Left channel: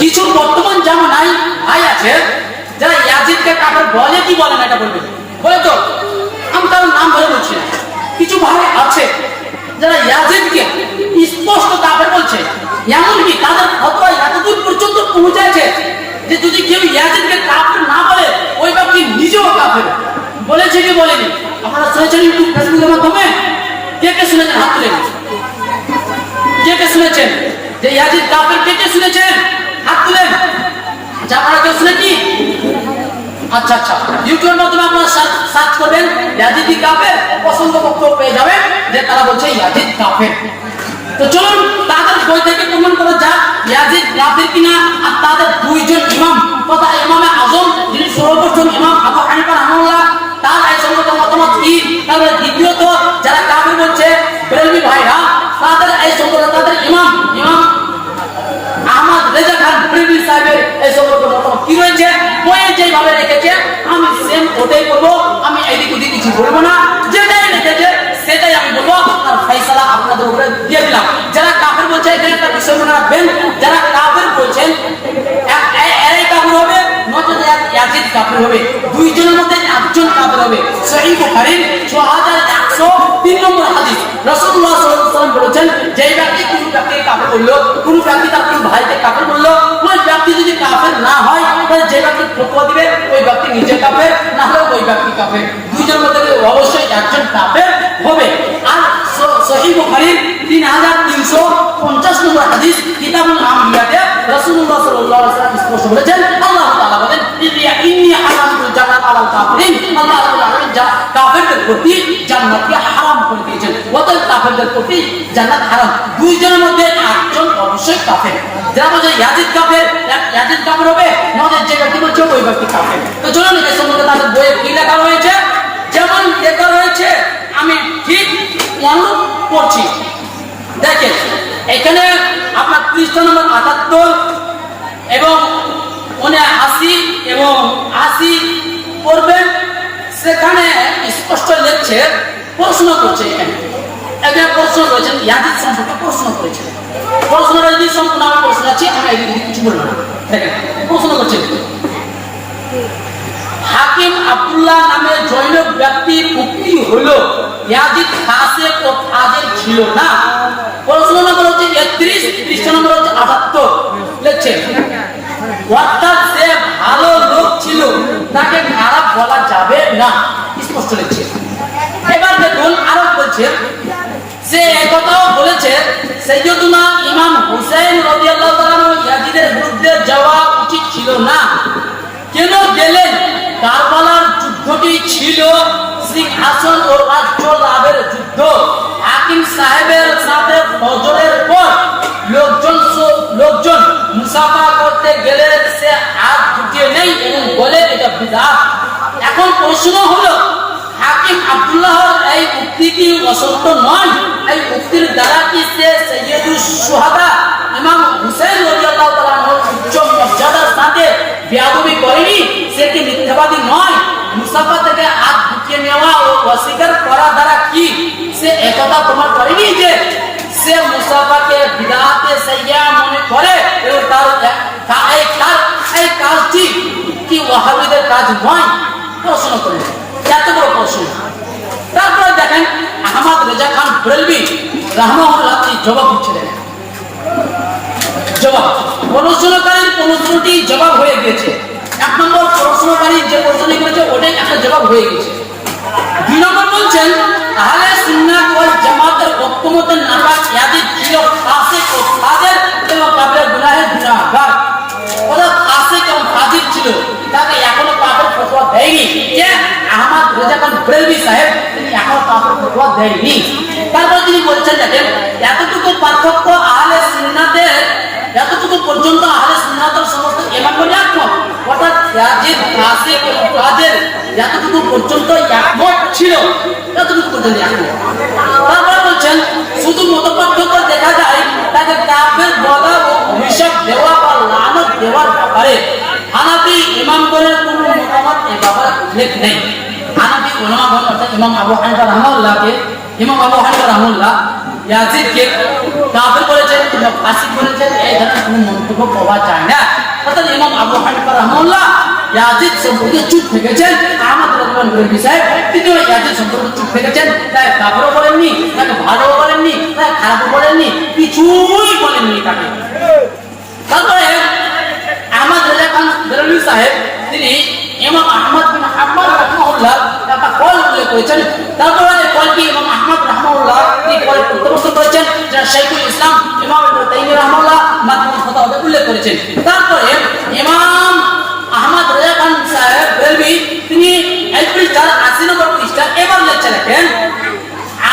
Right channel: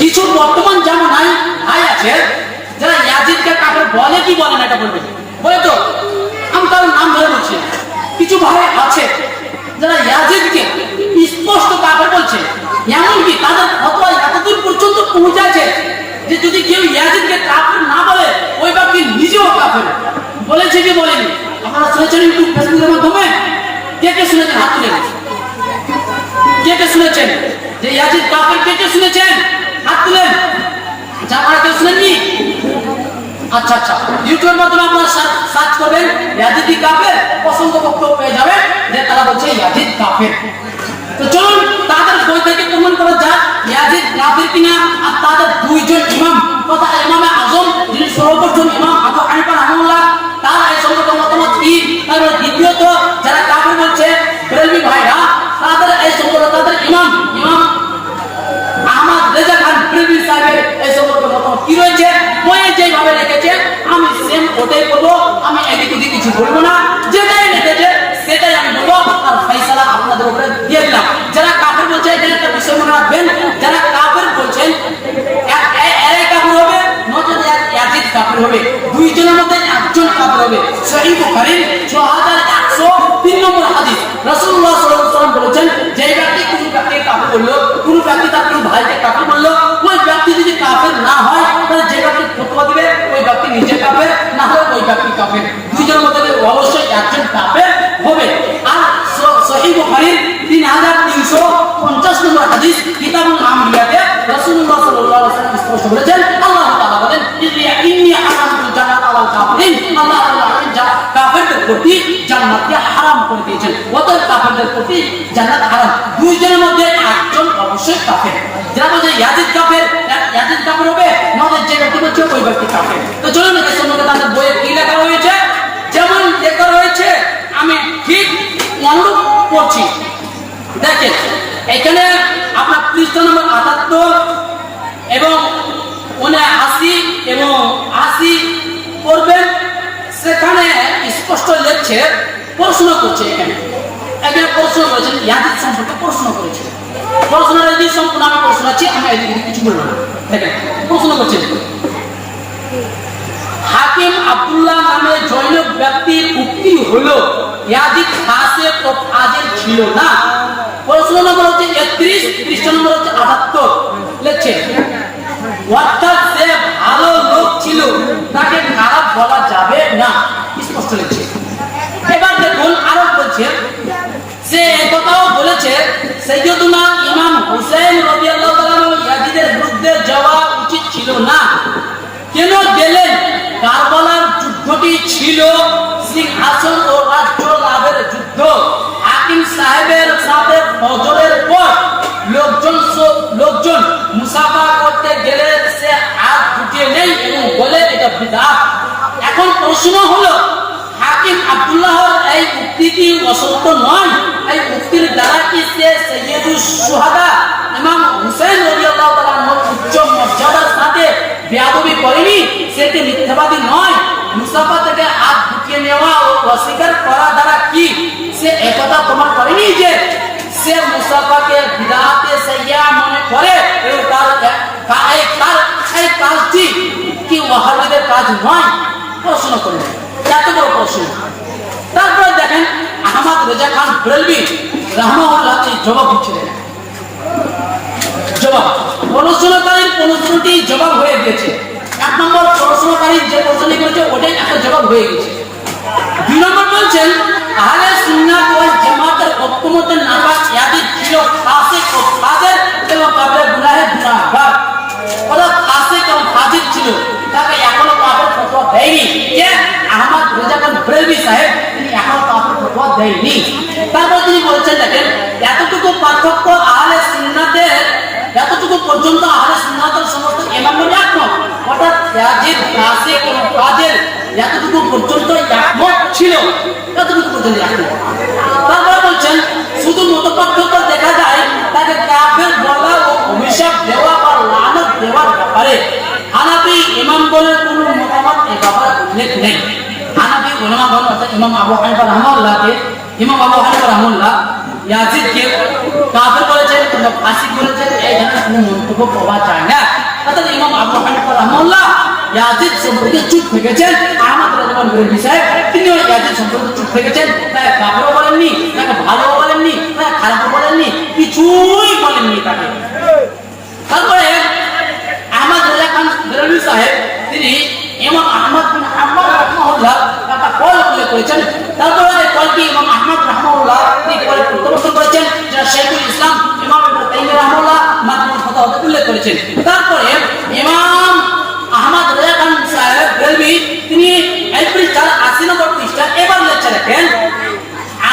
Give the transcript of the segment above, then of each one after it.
কিছু বর্তমান জামানায় ভাই আছে যারা ইয়াজিদকে কাফের বলে কি বলে না এটা বলবে, বলে তো আমি তার নাম ধরে বলছি। কিছু ভাই আছে যারা ইয়াজিদকে স্পষ্ট কাফের বলছে, এমনকি তাদের ফতোয়া এতদূর পর্যন্ত পৌঁছাচ্ছে যে যদি কেউ ইয়াজিদকে কাফের না বলে ওই ব্যক্তি নিজেও কাফের। বলেছে কি বলেনি? আপনারা শুনেছেন ইউটিউব ফেসবুকের মাধ্যমে? কে কে শুনেছেন হাত তুলেন। কে কে শুনেছেন যে ইয়াজিদ কাফের? কে কে শুনেছেন হাত তুলেন। আচ্ছা, আপনারা কেউ শুনেননি? আচ্ছা আচ্ছা, ইউটিউবের মাধ্যমে আপনারা সার্চ করবেন ইয়াজিদ কাফের, অসংখ্য বক্তব্য পেয়ে যাবেন যে তারা বলছে ইয়াজিদ কাফের। তো চলুন তাদের বই থেকে প্রমাণ করা যাক ইয়াজিদ কাফের কিনা। আর তাদের দুইজন ইমাম তথা ইমামে আজম যিনি সর্বপ্রথম ইমাম আবু হানিফা রাহমাহুল্লাহ, তার এই সংগত মতামত কি। তারপরে দ্বিতীয়ত যারা কাফের বলছে বেরেলভি ভাইরা, তাদের এই সংগত তাদের ইমাম আহমদ রেজা খান বেরেলভি সাহেবের এই সংগত মতামত কি রয়েছে বইয়ে যেভাবে রেখেছে আমি সেম ওটাই করবো। আমি এদিক ওদিক কিছু বলবো না, যেটাই রেখেছে সেটাই আমি বলবো। আর ফয়সালা আপনাদের উপরে দিয়ে দিলাম। যারা কাফের বলছে এখানে একটা বিষয় মনে রাখবেন, যারা কাফের বলছেন এরাই কাফের হবে, নচেত ইয়াজিদ কাফের হবে। দুইজনের মধ্যে একজন কাফের হবে। সহিহ বুখারীর 6103 নম্বর হাদিস, রাসূলুল্লাহ সাল্লাল্লাহু আলাইহি ওয়াসাল্লাম বলেছেন যে ব্যক্তি কোন ব্যক্তিকে কাফের বললো, কোন ব্যক্তি তার কোন ভাইকে কাফের বললো, ওই ব্যক্তি যদি কাফের না হয় তাহলে যে ব্যক্তি ফতোয়া দিবে ওই ব্যক্তি নিজে কাফের, না হলে ওই ব্যক্তি কাফের। দুইজনের মধ্যে অবশ্যই একজন কাফের হবে। আর সহিহ বুখারীর 3350 নম্বর হাদিস কিতাবুল আমবিয়াতে রাসূলুল্লাহ সাল্লাল্লাহু আলাইহি ওয়াসাল্লাম স্পষ্ট বলেছেন, আল্লাহ তাআলা বলেন ইন্নী হারামতুল জান্নাত আলাল কাফিরিন, আল্লাহ রাব্বুল আলামিন কাফেরদের প্রতি জান্নাতকে হারাম করে দিয়েছেন। অতএব কাফেরদের প্রতি জান্নাত হারাম। দুইজনের মধ্যে একজন অবশ্যই কাফের। যারা বলছে ইয়াজিদ কাফের, ইয়াজিদ কাফের হবে, নয় যে ব্যক্তি বলছে ওই ব্যক্তি কাফের। তো চলুন এই সম্বন্ধে তাদের বইয়ে কি লেখা রয়েছে, যেমন লেখা রয়েছে আমি ঠিক অনুরূপ পড়ছি। দেখেন এখানে আপনার পৃষ্ঠা নম্বর 78 এবং 79 এবং 80 পড়বেন। সেখানে স্পষ্ট লেখছে, প্রশ্ন করছে। এখানে প্রশ্ন করেছেন ইয়াজিদ সম্পর্কে প্রশ্ন করেছে। প্রশ্নটা যদি সম্পূর্ণ আমি প্রশ্ন আছি, আমি এদিকে কিছু বলবো না। দেখেন প্রশ্ন করছে, হাকিম আব্দুল্লাহ নামে জৈনব ব্যক্তির উক্তি হলো ইয়াজিদ ফাসিক ও ফাজিল ছিল না। প্রশ্ন নম্বর হচ্ছে 31, পৃষ্ঠা নম্বর হচ্ছে 78 লিখছেন, অর্থাৎ সে ভালো লোক ছিল, তাকে খারাপ বলা যাবে না, স্পষ্ট লিখছে। এবার দেখুন আরো বলছে, সে একথাও বলেছে সাইয়্যিদুনা ইমাম হুসাইন রাদিয়াল্লাহু তাআলা ইয়াজিদের বিরুদ্ধে যাওয়া উচিত ছিল না। কেন গেলেন? কারবালার যুদ্ধটি ছিল সিংহাসন ও রাজ্য লাভের যুদ্ধ। হাকিম সাহেবের সাথে ফজরের পর লোকজন মুসাফা করতে গেলে সে হাত গুটিয়ে নেই এবং বলে এটা বিদআত। এখন প্রশ্ন হলো, হাকিম আব্দুল্লাহর এই উক্তি কি অসত্য নয়? এই উক্তির দ্বারা কি সে সাইয়্যিদুশ শুহাদা ইমাম হুসাইন রাদিয়াল্লাহু তাআলা উচ্চ মর্যাদার সাথে বেয়াদবি করেনি? সে কি মিথ্যাবাদী নয়? মুসাফা থেকে হাত গুটিয়ে নেওয়া ও অস্বীকার করা দ্বারা কি সে একথা প্রমাণ করেনি যে সে মুসাফাকে বিদআতে সাইয়্যা মনে করে এবং তার এই কাজটি কি ওয়াহাবিদের কাজ নয়? প্রশ্ন করেন, এত বড় প্রশ্ন। তারপরে দেখেন আহমদ রেজা খান বেরেলভি রাহমাহুল্লাহ জবাব দিচ্ছিলেন। জবাব প্রশ্নকারীর প্রশ্নটি জবাব হয়ে গেছে। 1 নম্বর প্রশ্নকারী যে প্রশ্নটি করেছে ওটাই একটা জবাব হয়ে গেছে। 2 নম্বর বলছেন আহলে সুন্নাত ওয়াল জামাতের ঐক্যমতের নাপাক ইয়াজিদ ছিল ফাসিক ও ফাজিল এবং কাবিরা গুনাহের গুনাহগার। ওরা ফাসিক এবং ফাজিল ছিল, তাকে এখনো কাফের ফতোয়া দেয়নি। কে? আহমদ রেজা খান বেরেলভি সাহেব, তিনি এখনো কাফের ফতোয়া দেয়নি। তারপর তিনি বলছেন দেখেন এতটুকু পার্থক্য আহলে সুন্নাতের, এতটুকু পর্যন্ত আহলে সুন্নাতের সমস্ত ইমামগণ একমত, অর্থাৎ ইয়াজিদ ফাসিক এবং ফাজিল এতটুকু পর্যন্ত একমত ছিল, এতটুকু পর্যন্ত একমত। তারপরে বলছেন শুধু মতপার্থক্য দেখা যায় তাকে কাফের বলা ও অভিশাপ দেওয়া বা লানত দেওয়ার ব্যাপারে হানাফি ইমামগণের কোনো মতামত এ ব্যাপারে উল্লেখ নেই। হানাফি উলামাগণ অর্থাৎ ইমাম আবু হানিফা রাহমাহুল্লাহ ইয়াজিদকে কাফের বলেছেন কিংবা ফাসিক বলেছেন, এই ধরনের কোনো মন্তব্য পাওয়া যায় না। অর্থাৎ ইমাম আবু হানিফা রাহমাহুল্লাহ ইয়াজিদ সম্পর্কে চুপ থেকেছেন। আহমদ রাদিয়াল্লাহু আনহু সাহেব তিনিও ইয়াজিদ সম্পর্কে চুপ থেকেছেন। তাই কাফেরও বলেননি, তাকে ভালোও বলেননি, তাকে খারাপও বলেননি, কিছুই বলেননি তাকে। তারপরে আহমদ রাজা খান বেরেলভী সাহেব তিনি ইমাম আহমদ বিন হাম্বল রাহমাহুল্লাহ একটা কল উল্লেখ করেছেন। তারপরে এই কলটি ইমাম আহমদ রাহমাহুল্লাহ তিনি কল প্রত্যাখ্যান করেছেন, যেটা শাইখুল ইসলাম ইমাম ইবনে তাইমিয়া রাহমাহুল্লাহ মাজমুউল ফাতাওয়াতে উল্লেখ করেছেন। তারপরে ইমাম আহমদ রাজা খান সাহেব বেরেলভী তিনি এই পৃষ্ঠার 80 নম্বর পৃষ্ঠা এবার লেখা লেখেন,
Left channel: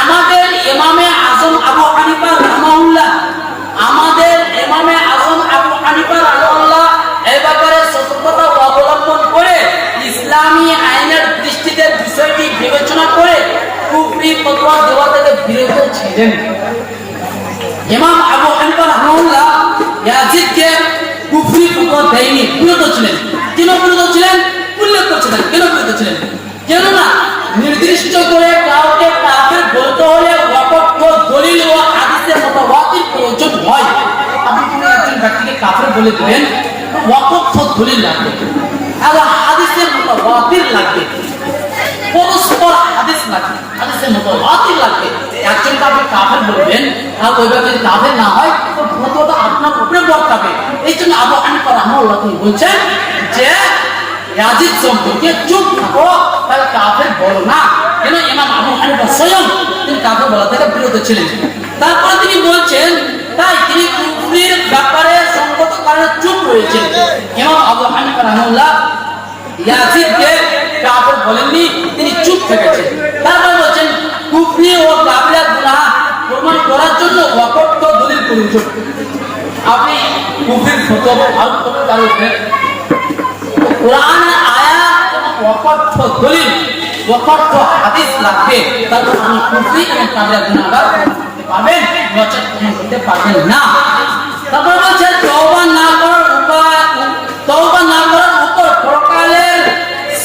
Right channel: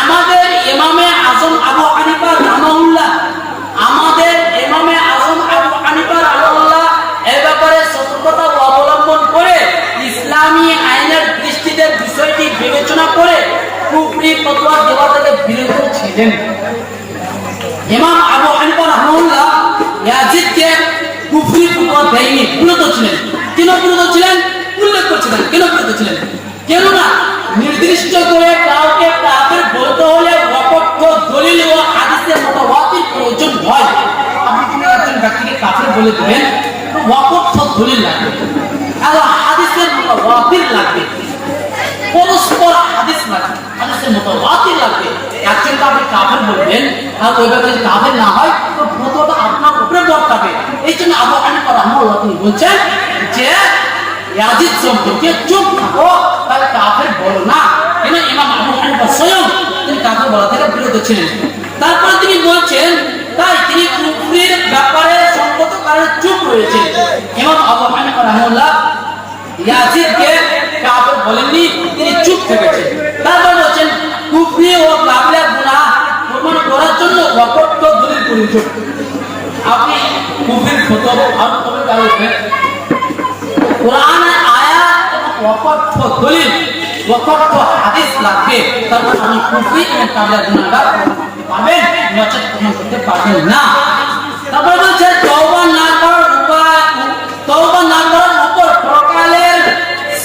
আমাদের ইমামে আজম আবু হানিফা রাহমাহুল্লাহ, আমাদের ইমামে আজম আবু হানিফা রাহমাহুল্লাহ এই ব্যাপারে সতর্কতা অবলম্বন করে ইসলামী আইনের দৃষ্টিতে বিষয়টি বিবেচনা করে কুফরি ফতোয়া দেওয়া থেকে বিরত ছিলেন। ইমাম আবু হানিফা রাহমাহুল্লাহ ইয়াজিদকে কুফরি ফতোয়া দেয়নি, বিরত ছিলেন। কেন বিরত ছিলেন উল্লেখ করছিলেন, কেন বিরত ছিলেন? কেননা নির্দিষ্ট করে কাউকে কাফের বলতে হলে ওয়াকফ দলিল ও হাদিসের মুতাওয়াতির প্রয়োজন হয়। আপনি কোনো একজন ব্যক্তিকে কাফের বলে দিবেন, ওয়াকফ দলিল লাগবে আর হাদিসের মুতাওয়াতির লাগবে, পরস্পর হাদিস লাগবে, হাদিসের মুতাওয়াতির লাগবে। একজনকে আপনি কাফের বলবেন আর ওই ব্যক্তি কাফের না হয় তো ফতোয়াটা আপনার উপরে বর্তাবে। এই জন্য আবু হানিফা রাহমাহুল্লাহ তিনি বলছেন যে ইয়াজিদ সম্পর্কে চুপ থাকো, তাহলে কাফের বলো না। কেন ইমাম আবু হানিফা স্বয়ং তিনি কাফের বলা থেকে বিরত ছিলেন। তারপরে তিনি বলছেন তাই তিনি কুফরির ব্যাপারে সঙ্গত কারণে চুপ রয়েছেন। ইমাম আবু হানিফা রাহমাহুল্লাহ ইয়াজিদকে কাফের বলেননি, তিনি চুপ থেকেছেন। তারপরে বলছেন কুফরি ও কাবিরা গুনাহ প্রমাণ করার জন্য ওয়াকফ দলিল প্রয়োজন। আপনি কুফরির ফতোয়া আর কবে কারণে কোরআনের আয়াত এবং ওয়াকফ দলিল, ওয়াকফ হাদিস লাগবে, তারপর আপনি কুফরি এবং কাবিরা গুনাহগার পাবেন, নচেত প্রমাণ করতে পারবেন না। তারপর বলছে তওবা না করার উপায়, তওবা না করার উপর পরকালের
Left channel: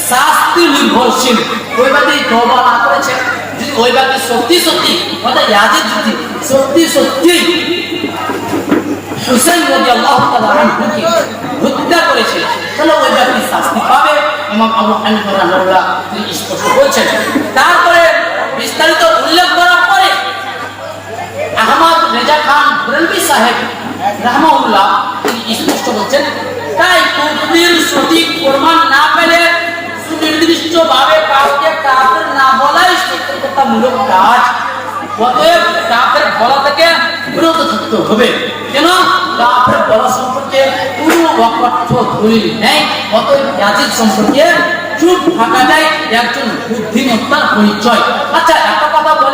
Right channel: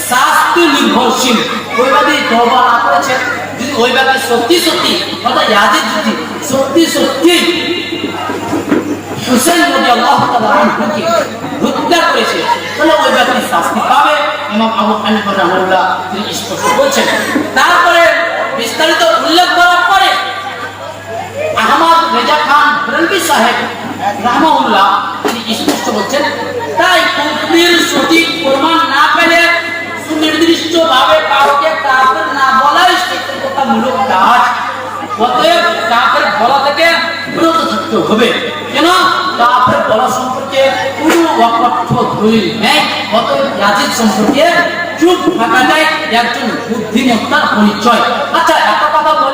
শাস্তি নির্ভরশীল। ওই ব্যক্তি তওবা না করেছে, যদি ওই ব্যক্তি সত্যি সত্যি অর্থাৎ ইয়াজিদ যদি সত্যি সত্যি হুসাইন রাদিয়াল্লাহু তাআলা আনহুকে হত্যা করেছে, তাহলে ওই ব্যক্তি শাস্তি পাবে। ইমাম আবু হানিফা রাহমাহুল্লাহ তিনি স্পষ্ট বলছেন। তারপরে বিস্তারিত উল্লেখ করার পরে আহমদ রেজা খান বেরেলভী সাহেব রাহমাহুল্লাহ তিনি স্পষ্ট বলছেন, তাই কুফরির সঠিক প্রমাণ না পেলে সুনির্দিষ্ট ভাবে কাউকে কাফের না বলাই সতর্কতামূলক কাজ। অতএব কাফের বলা থেকে বিরত থাকতে হবে। কেন কাফের বলা সম্পর্কে কোনো ওয়াকফ দলিল নেই। অতএব ইয়াজিদ সম্পর্কে চুপ থাকাটাই একজন বুদ্ধিমত্তার পরিচয়। আচ্ছা একটা কথা বলে